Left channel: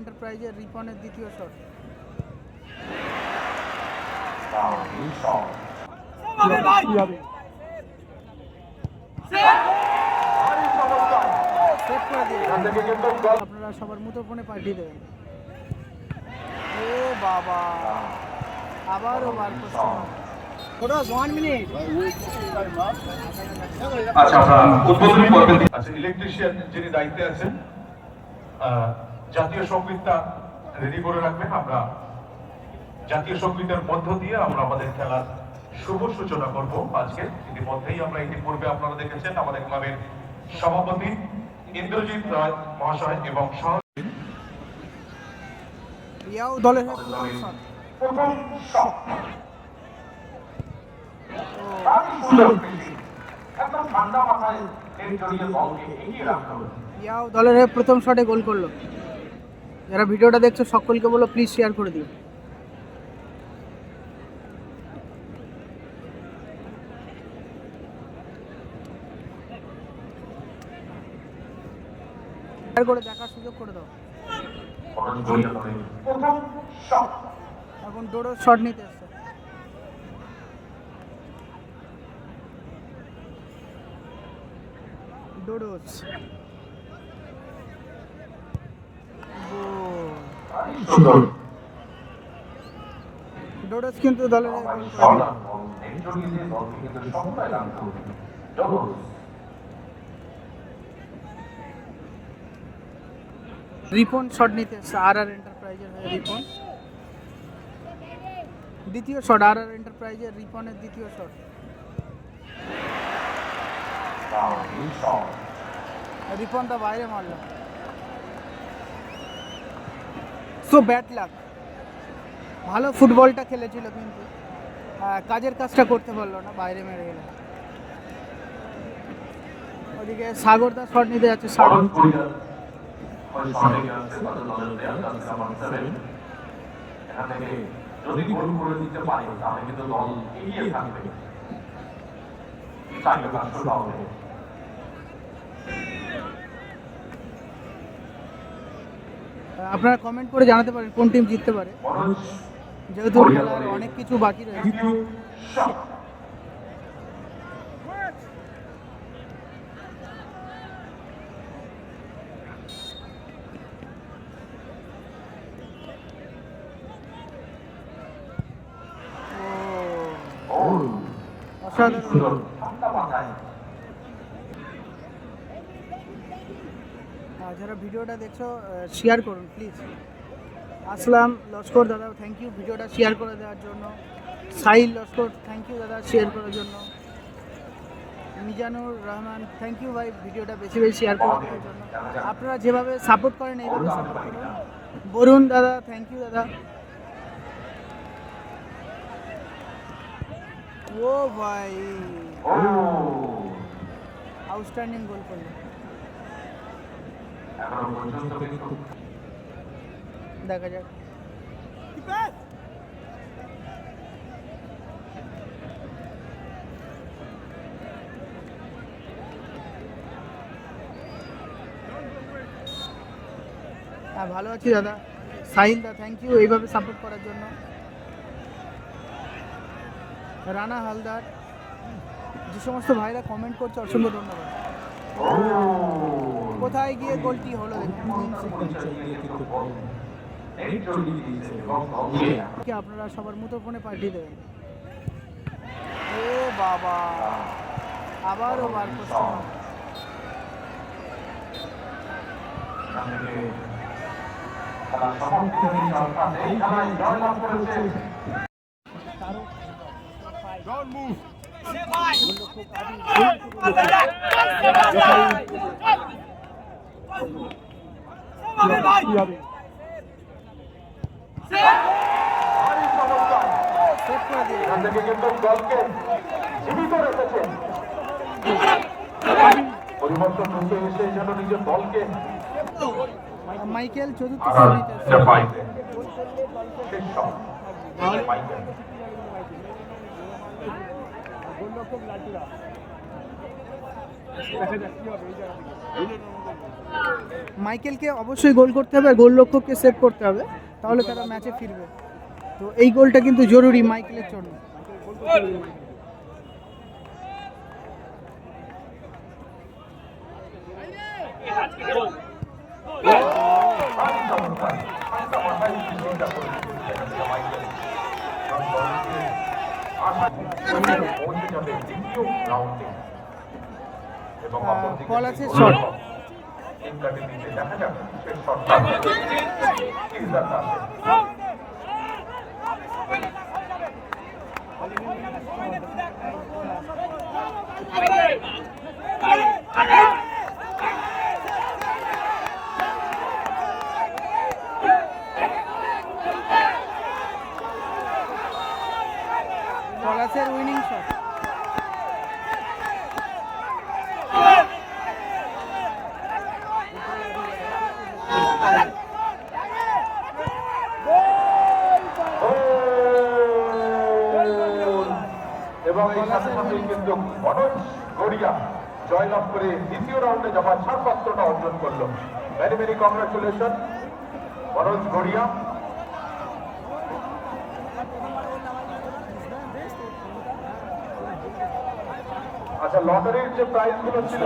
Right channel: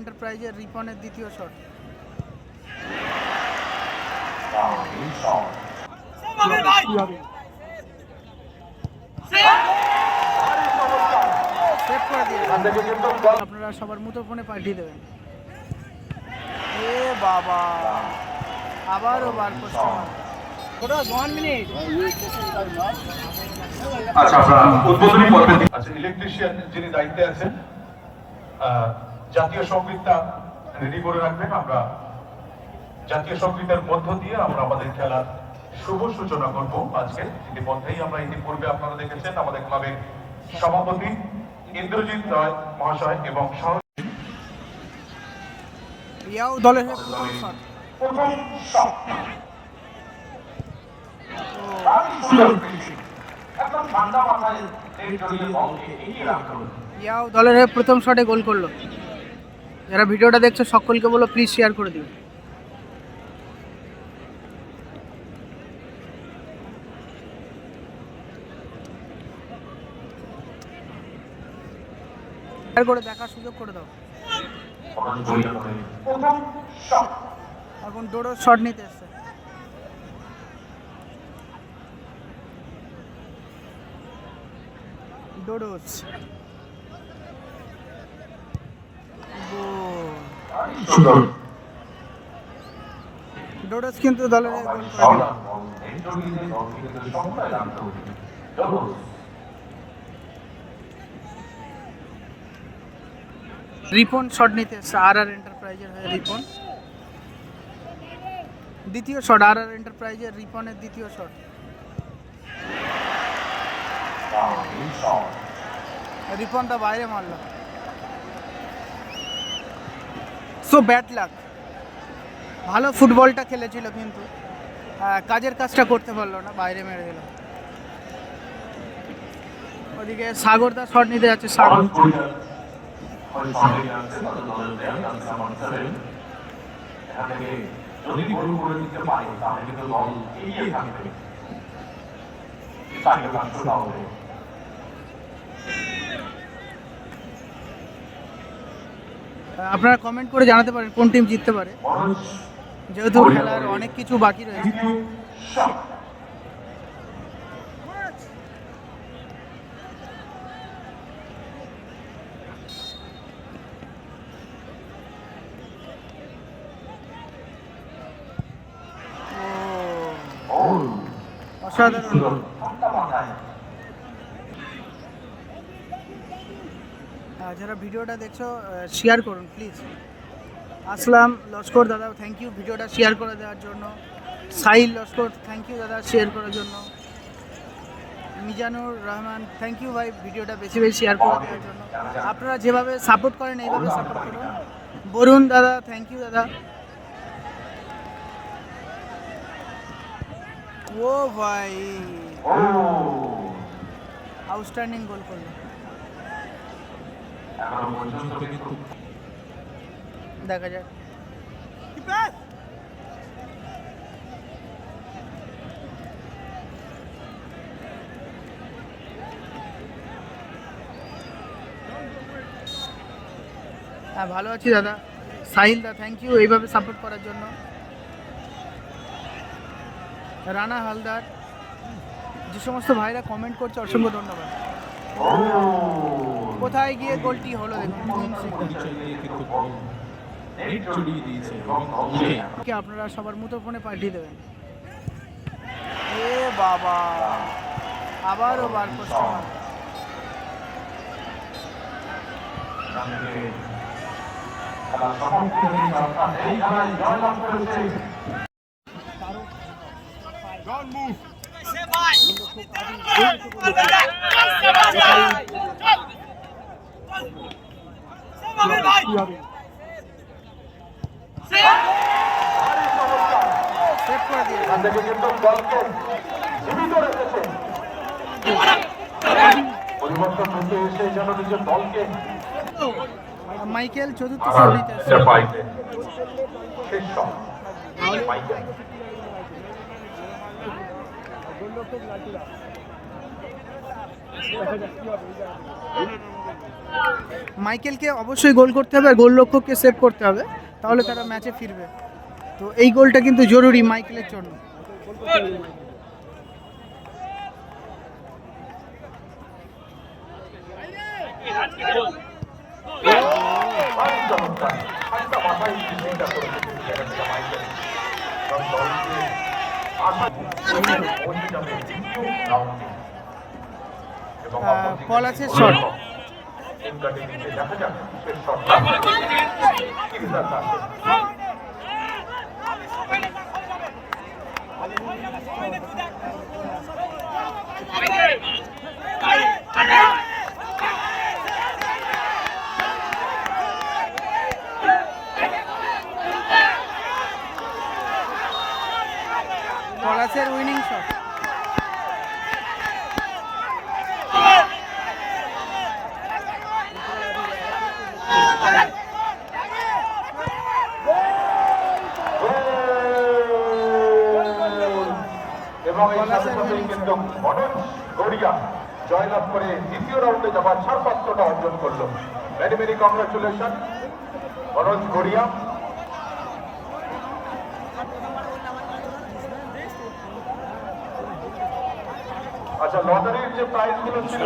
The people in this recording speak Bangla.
এন্টারপ্রাইজের রিপনের দ্বিতীয় শট। সেভ করে দিয়েছে। আপনারা সবার মুঠোফোনে পাঠিয়ে দেবেন। এ বাবা, আবারও বার পোস্টে মারল। আচ্ছা, আমরা উদ্বোধনী পর্বে আচ্ছা ইলেকট্রিশিয়ান যিনি দায়িত্বে আছেন জাতীয় সংগীতটা রেডি করে রাখবেন। আমরা জাতীয় সংগীতের মধ্য দিয়ে আমরা আমাদের খেলার শুভ সূচনা করব। আজকে ইতিমধ্যেই আমরা ইতিপূর্বে আপনারা দেখেছেন আমাদের ক্লাবের সভাপতি ইন্দ্রজিৎ রায় মহাশয় এবং ইয়াও দলের প্রথম শট। ইয়াও দলের হয়ে প্রথম শটে গোল করলো। যারা ভিডিওটা দেখছো সকলকে বলো প্লিজ শেয়ার করে দিও। শেয়ার করে দেখার সুযোগ করে দাও। এখন ডোডো শট নিতে এসছে। ডোডোস ডোডোস কিন্তু দলের গোল করে দিল। রিপন শট নিতে এসছে আর এন্টারপ্রাইজের হয়ে। রিপন দ্বিতীয় শট, আর এন্টারপ্রাইজের রিপনের দ্বিতীয় শট। রিপন দা বাইরে মারল। So bad luck. ভালো ফুটবলটা খেলেছিল কিন্তু কাজের কাজটা করতে পারলো না, বাইরে মেরে দিল। ওদিকে সাগর দা শট নিতে যাচ্ছে। সাগর আপনারা কমেন্ট করে জানাতে পারেন কোন টিম জিততে পারে, যেহেতু খেলার অনেক কিছু বাকি রয়েছে। অসাধারণ। যারা ভিডিওটা দেখছো শেয়ার করুন প্লিজ। আসলাম লস্কর দাদা থ্যাংক ইউ ভিডিওটা শেয়ার করে দেওয়ার জন্য। সাহিল লস্কর থ্যাংক ইউ দাদা শেয়ার করার জন্য। মিজানুর রহমান থ্যাংক ইউ ভাই ভিডিওটা বেশি বেশি শেয়ার করে দেওয়ার জন্য। আপনারা যেভাবে সাপোর্ট করেন এইভাবে সাপোর্ট করুন। বরুণ দাদা থ্যাংক ইউ দাদা। ও ভাই আউটস্ট্যান্ডিং গোল করলো। দেখা যাক। হ্যাঁ ভালো আছি দাদা। সাহিল দা থ্যাংক ইউ এইভাবে সাপোর্ট করার জন্য। রানা হালদার, যে সমস্ত ভাইরা কমেন্ট করছে অসংখ্য ধন্যবাদ। কোথায় গিয়ে গোলটি হলো দেখুন। আপনারা সবার মুঠোফোনে পাঠিয়ে দেবেন। এ বাবা, আবারও বার পোস্টে মারল। সেভ করে দিয়েছে। মাইকেল চতুর্থ শট নিতে এসেছে। মাইকেলকে অবশ্যই গোল করতে হবে আর গোলরক্ষককে সেভ করতে হবে, তাহলে তারা ম্যাচে ফিরবে। তো এই গোলটা কিন্তু জরুরি মাইকেলের জন্য। পলাশের শট, পলাশের উইনিং শট। এবং কিন্তু মনোজ গড়িয়া জয়লাভ করে দ্বিতীয় রাউন্ডে যাওয়ার ছাড়পত্রটা অর্জন করলো। Very very congratulation Manoj Garia. আচ্ছা, লটারির যে প্রাইজ গুলো ছিল